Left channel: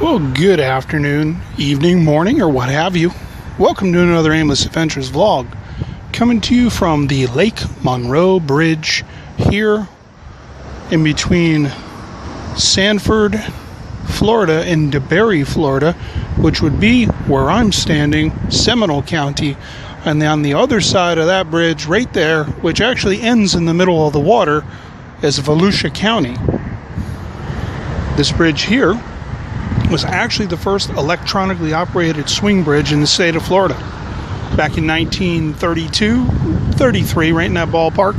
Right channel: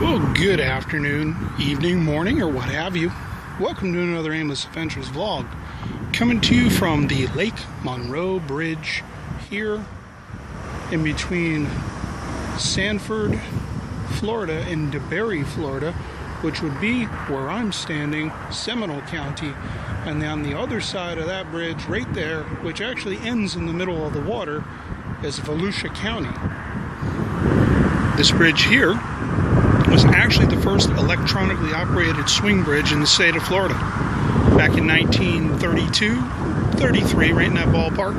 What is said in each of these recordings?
Well, good afternoon, evening, morning, or what have you. Welcome to another Aimless Adventures vlog. Coming to you from the Lake Monroe Bridge here in between Sanford, Florida and DeBary, Florida, which would be where I'm standing, Seminole County. And on the other side of that bridge right there, which actually ends in the middle of the water, is Volusia County. This bridge here was actually the first electronically operated swing bridge in the state of Florida. Back in 1932, 33, right in that ballpark,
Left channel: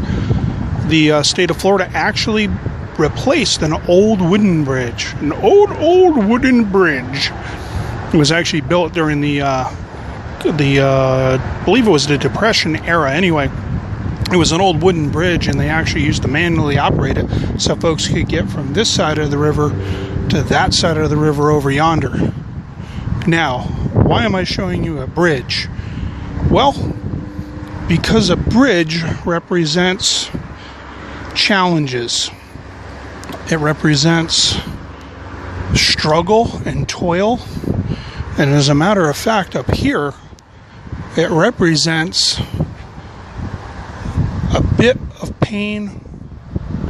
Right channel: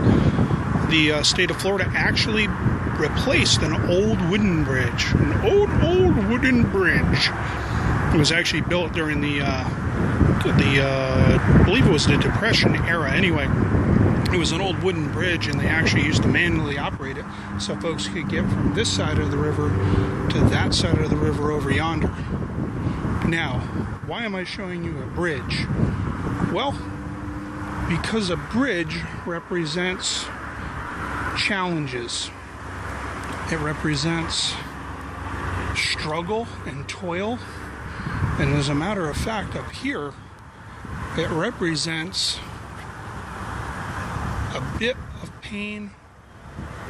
the state of Florida actually replaced an old wooden bridge. An old wooden bridge. It was actually built during I believe it was the Depression era anyway. It was an old wooden bridge, and they actually used to manually operate it so folks could get from this side of the river to that side of the river over yonder. Now, why am I showing you a bridge? Well, because a bridge represents challenges. It represents struggle and toil. And as a matter of fact, up here, it represents a bit of pain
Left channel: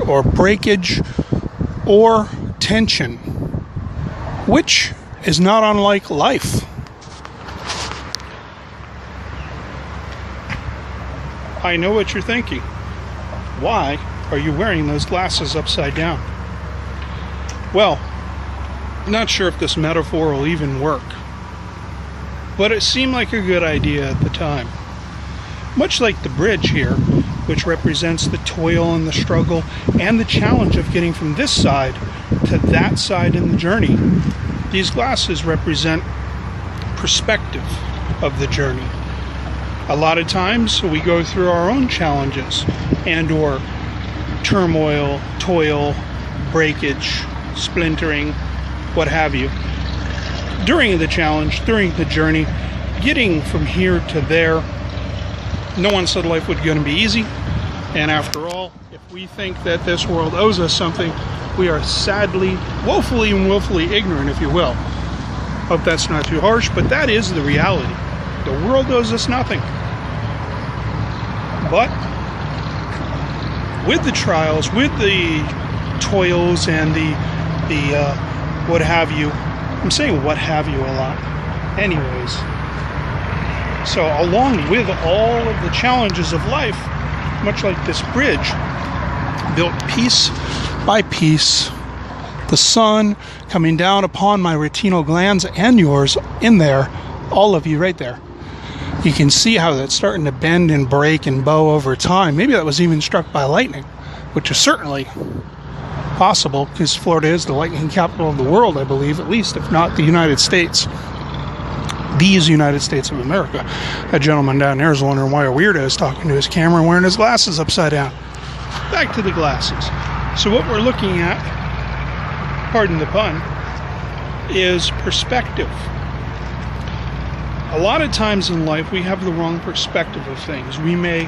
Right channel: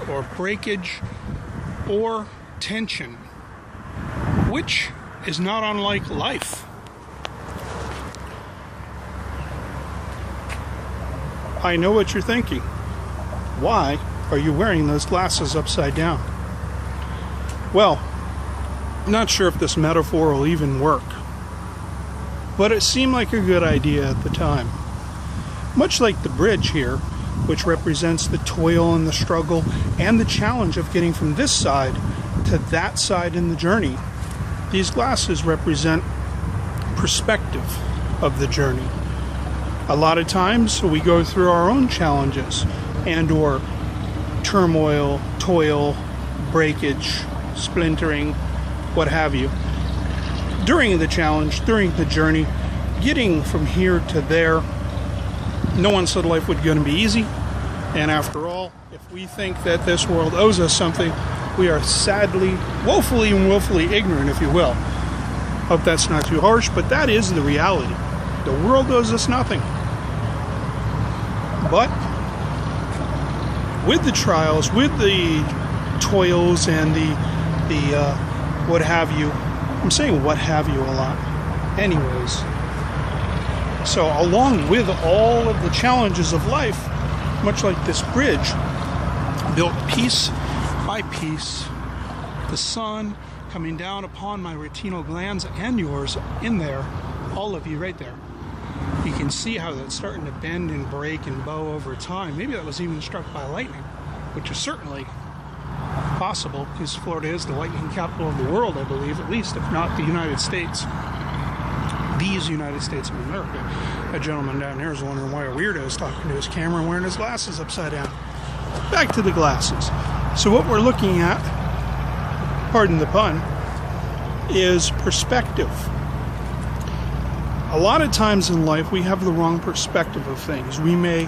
or breakage or tension, which is not unlike life. I know what you're thinking. Why are you wearing those glasses upside down? Well, I'm not sure if this metaphor will even work, but it seemed like a good idea at the time. Much like the bridge here, which represents the toil and the struggle and the challenge of getting from this side to that side in the journey, these glasses represent perspective of the journey. A lot of times we go through our own challenges and or turmoil, toil, breakage, splintering, what have you. During the challenge, during the journey, getting from here to there, no one said life was going to be easy. And after all, if we think that this world owes us something, we are sadly, woefully and willfully ignorant, if you will. Hope that's not too harsh, but that is the reality. The world owes us nothing. But with the trials, with the toils and the what have you, I'm saying what have you a lot. Anyways, so along with all of the challenges of life, much like this bridge, built piece by piece, the sun coming down upon my retinal glands and yours in there, all of you right there. You can see how that's starting to bend and break and bow over time. Maybe that was even struck by lightning, which is certainly possible because Florida is the lightning capital of the world, I believe, at least, if not the United States. These United States of America. That gentleman down there is wondering why a weirdo is talking to his camera and wearing his glasses upside down. Back to the glasses. So what we're looking at, pardon the pun, is perspective. A lot of times in life we have the wrong perspective of things. We may,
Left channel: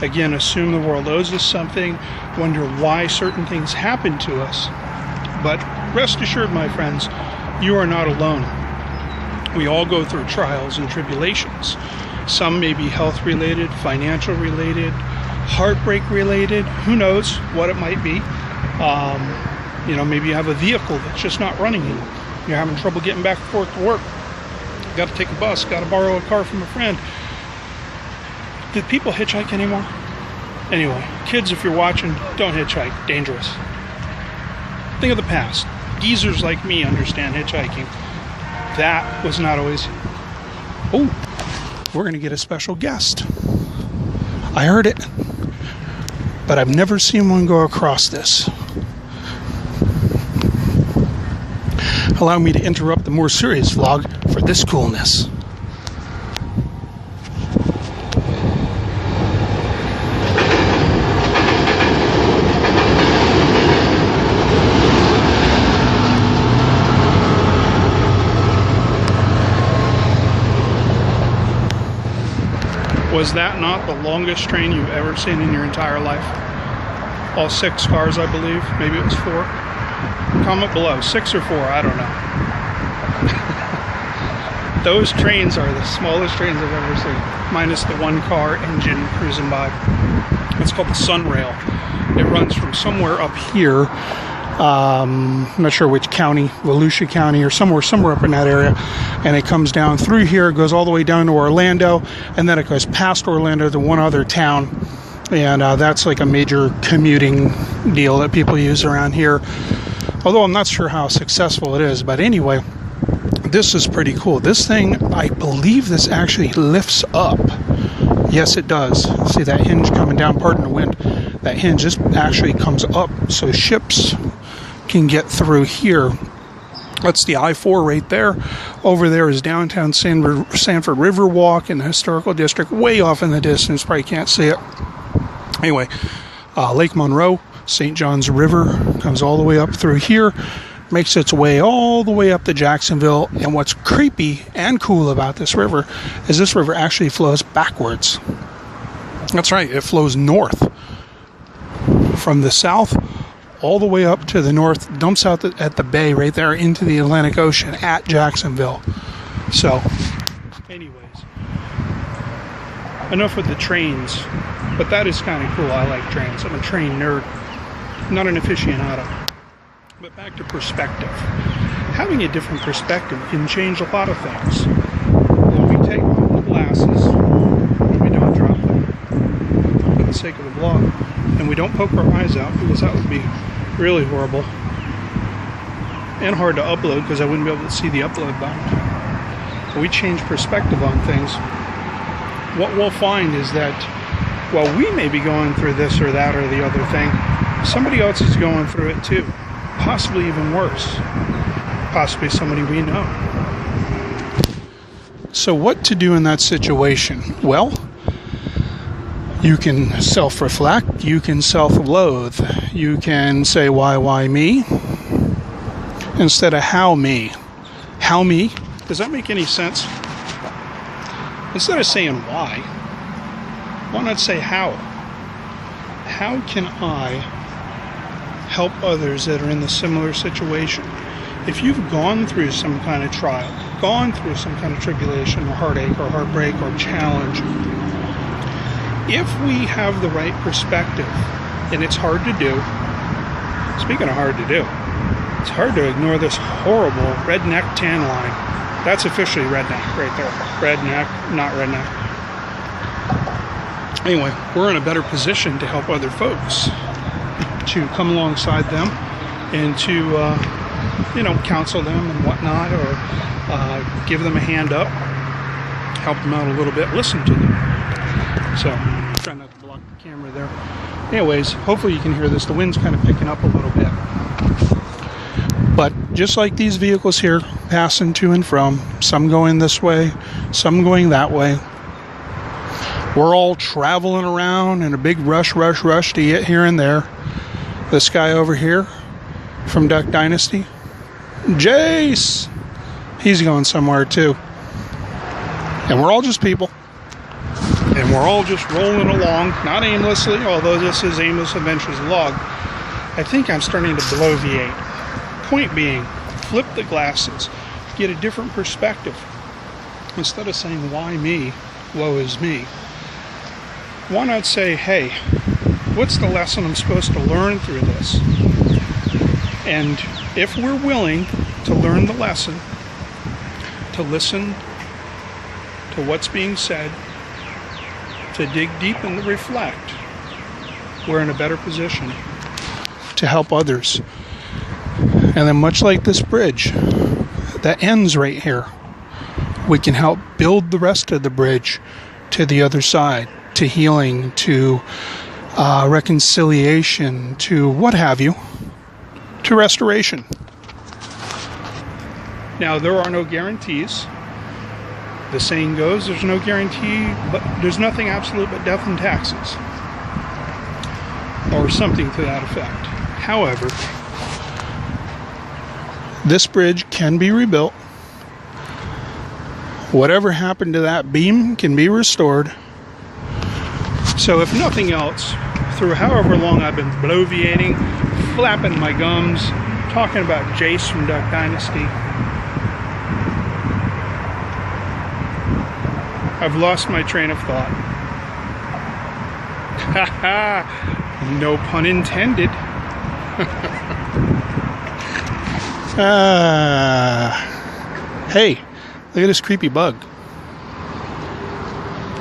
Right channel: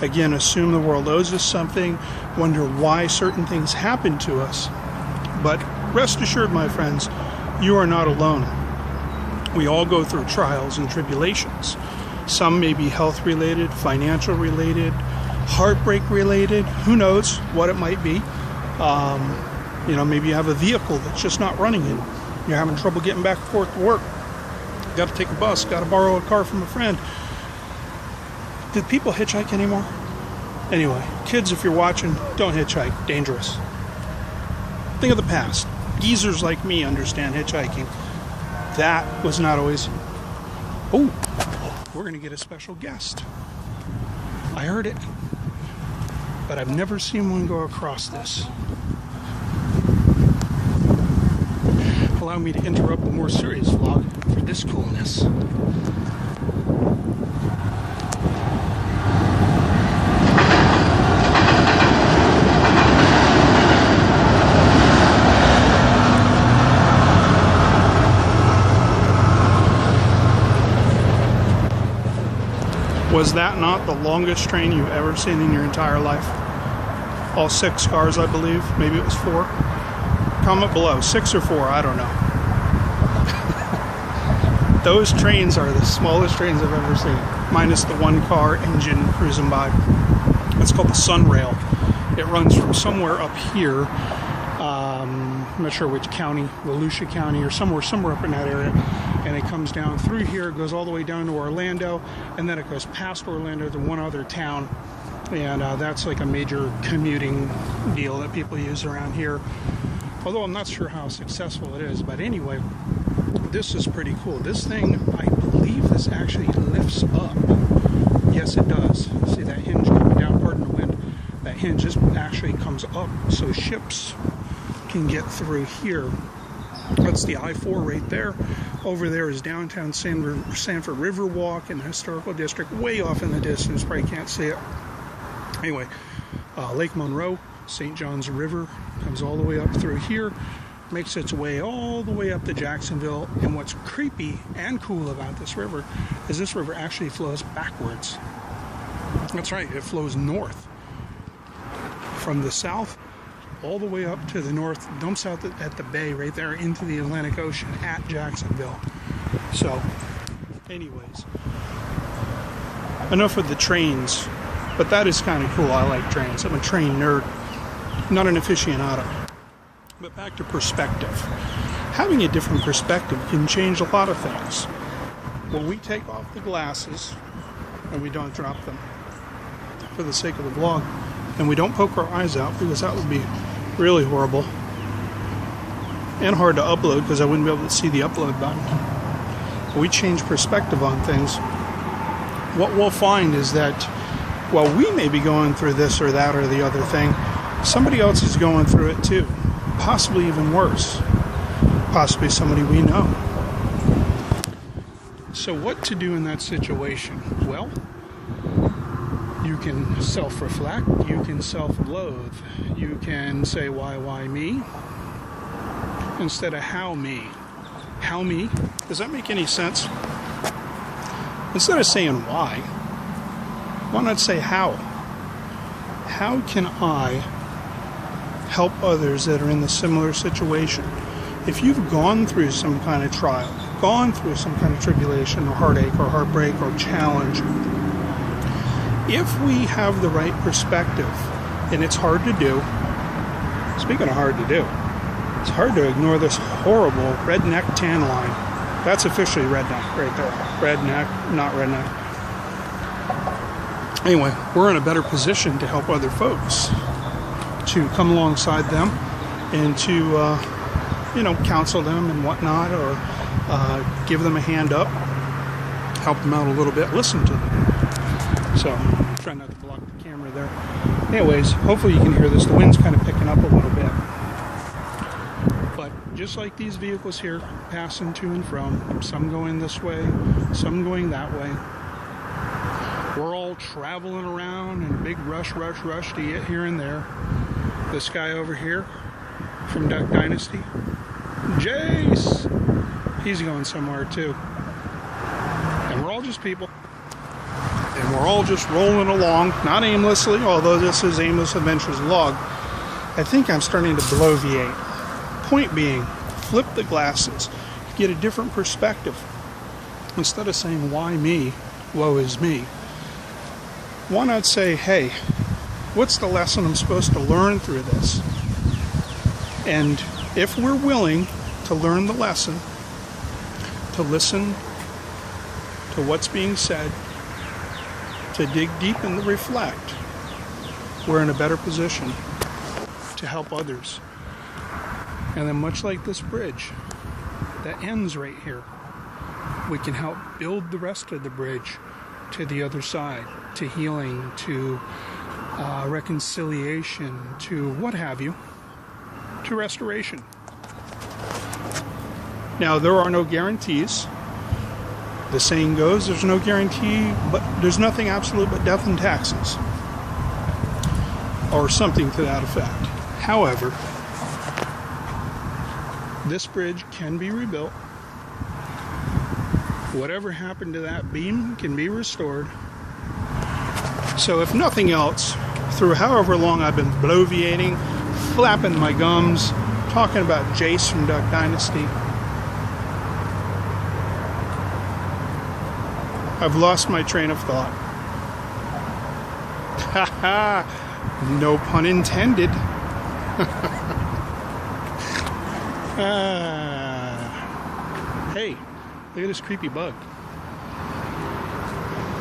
again, assume the world owes us something, wonder why certain things happen to us. But rest assured, my friends, you are not alone. We all go through trials and tribulations. Some may be health related, financial related, heartbreak related, who knows what it might be. Maybe you have a vehicle that's just not running anymore. You're having trouble getting back and forth to work. Got to take a bus, got to borrow a car from a friend. Did people hitchhike anymore? Anyway, kids, if you're watching, don't hitchhike. Dangerous. Think of the past. Geezers like me understand hitchhiking. That was not always... Oh, we're going to get a special guest. I heard it, but I've never seen one go across this. Allow me to interrupt the more serious vlog for this coolness. Was that not the longest train you've ever seen in your entire life? All 6 cars, I believe. Maybe it was 4. Comment below. 6 or 4, I don't know. Those trains are the smallest trains I've ever seen, minus the one car engine cruising by. It's called the Sunrail. It runs from somewhere up here, I'm not sure which county, Volusia County or somewhere up in that area, and it comes down through here, it goes all the way down to Orlando, and then it goes past Orlando to one other town, and that's like a major commuting deal that people use around here, although I'm not sure how successful it is. But anyway, this is pretty cool. This thing, I believe this actually lifts up. Yes, it does. See that hinge coming down, pardon the wind. That hinge just actually comes up so ships can get through here. That's the I-4 right there. Over there is downtown Sanford Riverwalk in the historical district, way off in the distance. Probably can't see it. Anyway, Lake Monroe, St. Johns River comes all the way up through here, makes its way all the way up to Jacksonville. And what's creepy and cool about this river is this river actually flows backwards. That's right, it flows north from the south all the way up to the north, dumps out at the bay right there into the Atlantic Ocean at Jacksonville. So anyways, enough with the trains, but that is kind of cool. I like trains. I'm a train nerd, not an aficionado. But back to perspective. Having a different perspective can change a lot of things. When we take off the glasses and we don't drop them for the sake of the vlog, and we don't poke our eyes out, because that would be really horrible and hard to upload because I wouldn't be able to see the upload button. We change perspective on things. What we'll find is that while we may be going through this or that or the other thing, somebody else is going through it too. Possibly even worse. Possibly somebody we know. So what to do in that situation? Well, you can self-reflect, you can self-loathe, you can say, why me? Instead of how me. How me? Does that make any sense? Instead of saying why not say how? How can I help others that are in the similar situation? If you've gone through some kind of trial, gone through some kind of tribulation or heartache or heartbreak or challenge, if we have the right perspective, and it's hard to do, speaking of hard to do, it's hard to ignore this horrible redneck tan line. That's officially redneck right there. Redneck, not redneck. Anyway, we're in a better position to help other folks, to come alongside them and to, counsel them and whatnot, or give them a hand up, help them out a little bit, listen to them. So, try not to block the camera there. Anyways, hopefully you can hear this. The wind's kind of picking up a little bit. But just like these vehicles here, passing to and from, some going this way, some going that way, we're all traveling around in a big rush to get here and there. This guy over here from Duck Dynasty, Jace, he's going somewhere too. And we're all just people. And we're all just rolling along, not aimlessly, although this is Aimless Adventures vlog. I think I'm starting to bloviate. Point being, flip the glasses, get a different perspective. Instead of saying, why me, woe is me, why not say, hey, what's the lesson I'm supposed to learn through this? And if we're willing to learn the lesson, to listen to what's being said, to dig deep and to reflect, we're in a better position to help others. And then much like this bridge that ends right here, we can help build the rest of the bridge to the other side, to healing, to reconciliation, to what have you, to restoration. Now, there are no guarantees. The saying goes, there's no guarantee, but there's nothing absolute but death and taxes, or something to that effect. However, this bridge can be rebuilt. Whatever happened to that beam can be restored. So if nothing else, through however long I've been bloviating, flapping my gums, talking about Jace from Duck Dynasty, I've lost my train of thought. Haha, no pun intended. Hey, look at this creepy bug.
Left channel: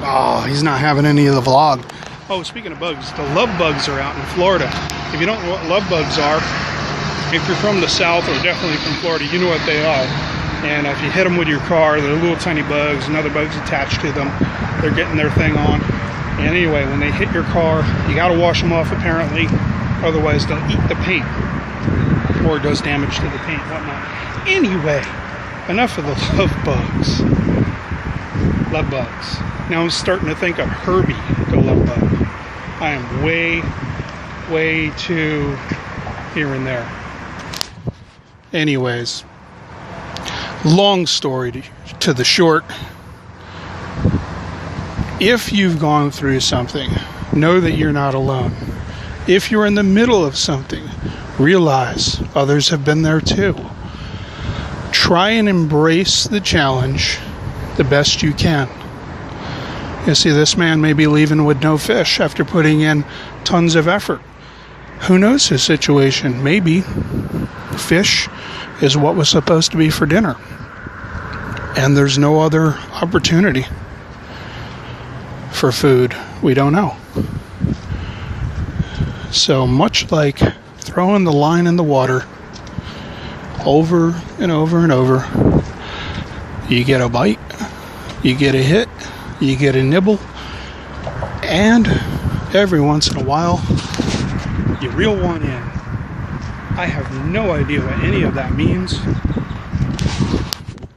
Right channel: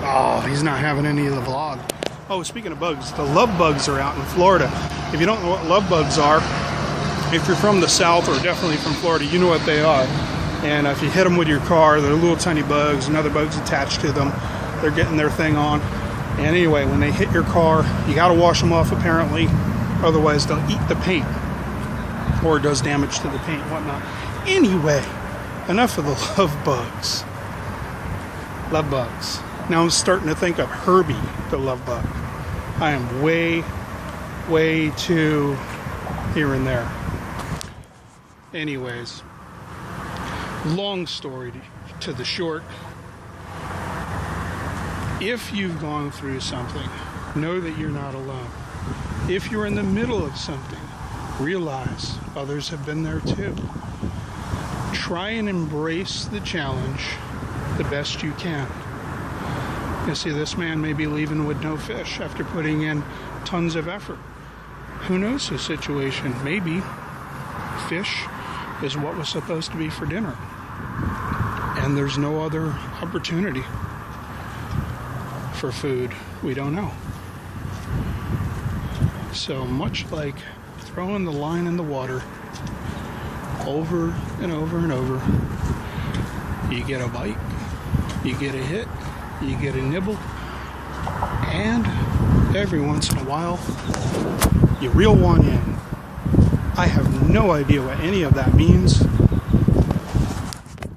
Oh, he's not having any of the vlog. Oh, speaking of bugs, the love bugs are out in Florida. If you don't know what love bugs are, if you're from the South or definitely from Florida, you know what they are. And if you hit them with your car, they're little tiny bugs and other bugs attached to them. They're getting their thing on. And anyway, when they hit your car, you got to wash them off apparently. Otherwise, they'll eat the paint. Or it does damage to the paint, whatnot. Anyway, enough of the love bugs. Love bugs. Now I'm starting to think of Herbie, the love bug. I am way too here and there. Anyways, long story to the short. If you've gone through something, know that you're not alone. If you're in the middle of something, realize others have been there too. Try and embrace the challenge the best you can. You see, this man may be leaving with no fish after putting in tons of effort. Who knows his situation? Maybe fish is what was supposed to be for dinner, and there's no other opportunity for food. We don't know. So much like throwing the line in the water over and over and over, you get a bite, you get a hit, you get a nibble, and every once in a while you reel one in. I have no idea what any of that means.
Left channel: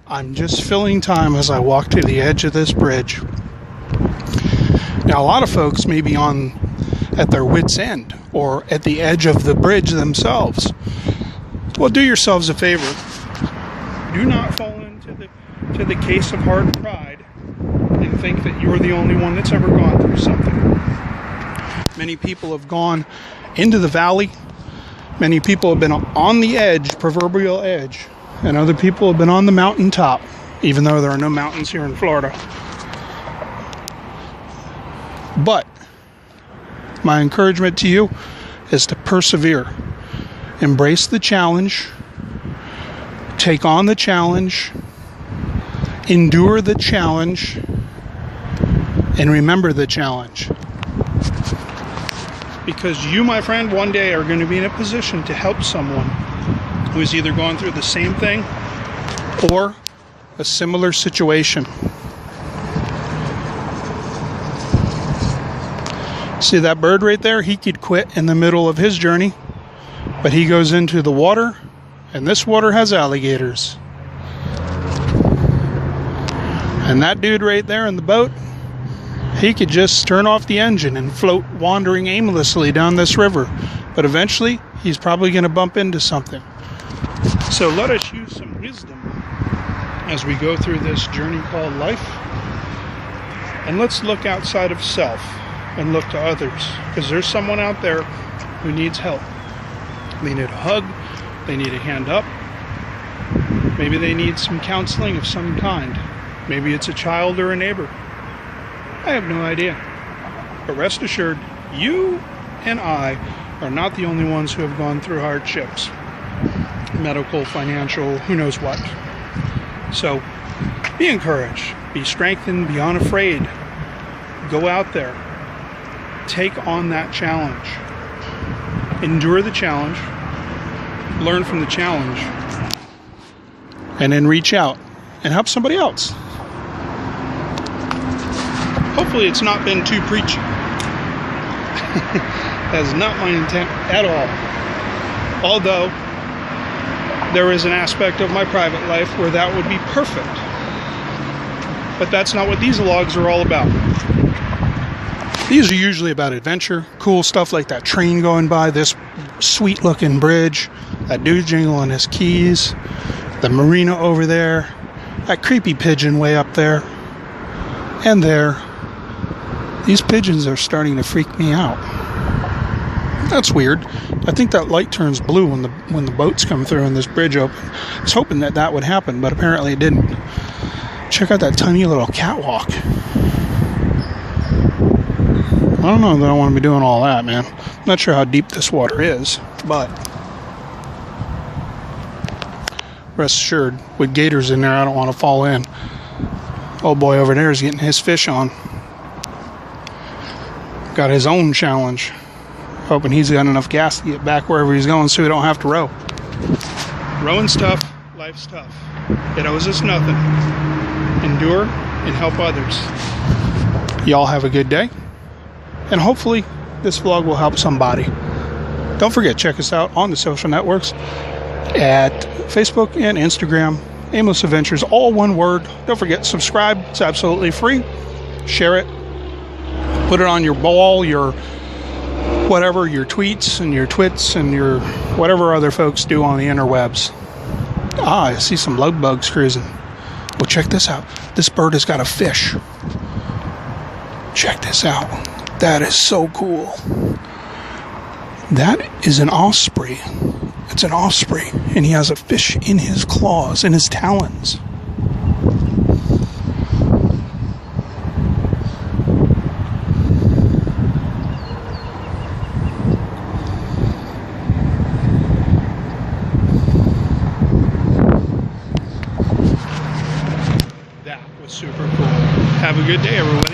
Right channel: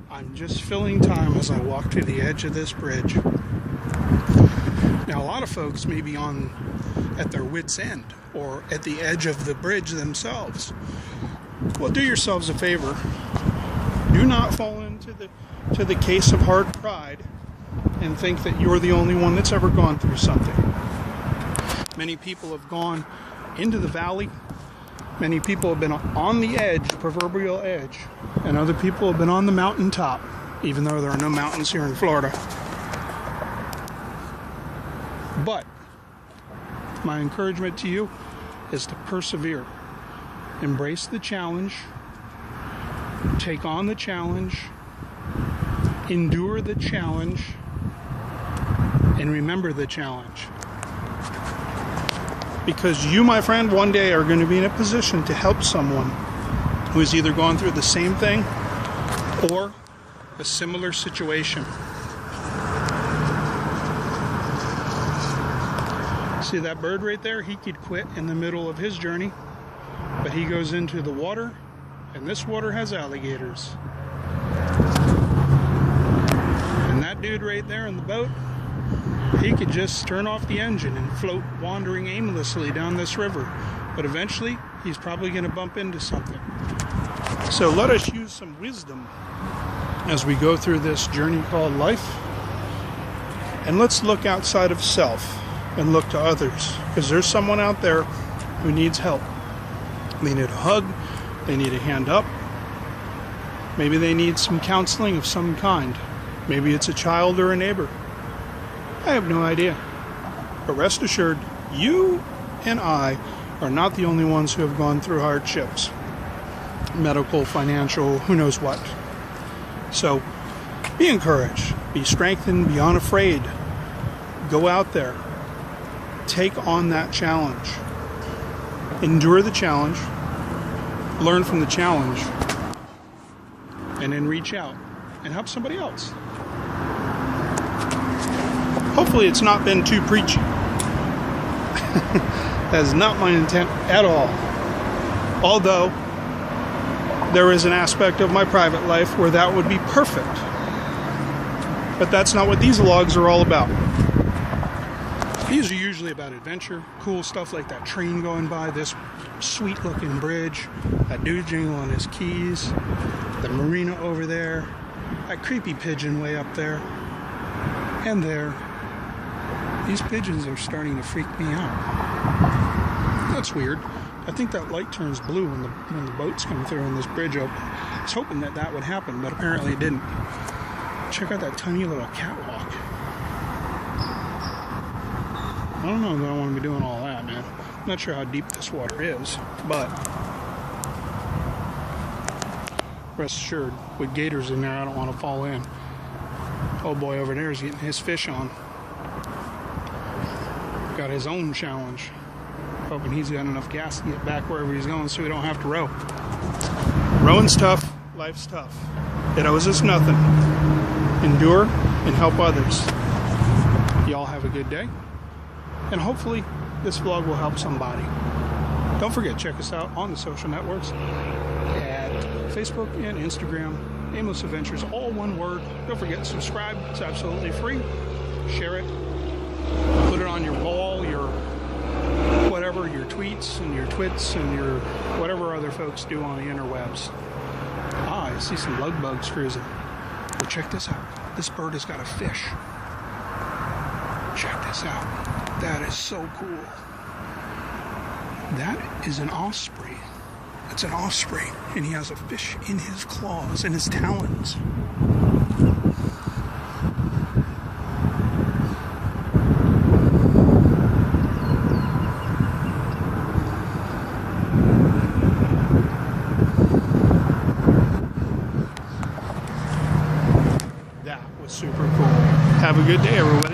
I'm just filling time as I walk to the edge of this bridge. Now, a lot of folks may be at their wits' end or at the edge of the bridge themselves. Well, do yourselves a favor. Do not fall into the case of hard pride and think that you're the only one that's ever gone through something. Many people have gone into the valley. Many people have been on the edge, proverbial edge, and other people have been on the mountaintop, even though there are no mountains here in Florida. But my encouragement to you is to persevere. Embrace the challenge. Take on the challenge. Endure the challenge. And remember the challenge. Because you, my friend, one day are going to be in a position to help someone who has either gone through the same thing or a similar situation. See that bird right there? He could quit in the middle of his journey, but he goes into the water, and this water has alligators. And that dude right there in the boat, he could just turn off the engine and float wandering aimlessly down this river. But eventually, he's probably going to bump into something. So let us use some wisdom as we go through this journey called life. And let's look outside of self and look to others. Because there's someone out there who needs help. They need a hug. They need a hand up. Maybe they need some counseling of some kind. Maybe it's a child or a neighbor. I have no idea. But rest assured, you and I are not the only ones who have gone through hardships. Medical, financial, who knows what. So, be encouraged. Be strengthened. Be unafraid. Go out there. Take on that challenge. Endure the challenge. Learn from the challenge. And then reach out and help somebody else. Hopefully it's not been too preachy. That is not my intent at all. Although, there is an aspect of my private life where that would be perfect. But that's not what these vlogs are all about. These are usually about adventure, cool stuff like that train going by, this sweet looking bridge, that dude jingling his keys, the marina over there, that creepy pigeon way up there, and there. These pigeons are starting to freak me out. That's weird. I think that light turns blue when the boats come through and this bridge opens. I was hoping that would happen, but apparently it didn't. Check out that tiny little catwalk. don't know that I want to be doing all that, man. I'm not sure how deep this water is, but rest assured, with gators in there, I don't want to fall in. Old boy over there is getting his fish on. Got his own challenge. Hoping he's got enough gas to get back wherever he's going so he don't have to row. Rowing's tough, life's tough. It owes us nothing. Endure and help others. Y'all have a good day. And hopefully this vlog will help somebody. Don't forget, check us out on the social networks at Facebook and Instagram. Aimless Adventures, all one word. Don't forget, subscribe. It's absolutely free. Share it. Put it on your wall, your whatever, your tweets and your twits and your whatever other folks do on the interwebs. I see some love bugs cruising. Well, check this out. This bird has got a fish. Check this out. That is so cool. That is an osprey. It's an osprey, and he has a fish in his claws, in his talons. That was super cool. Have a good day, everybody.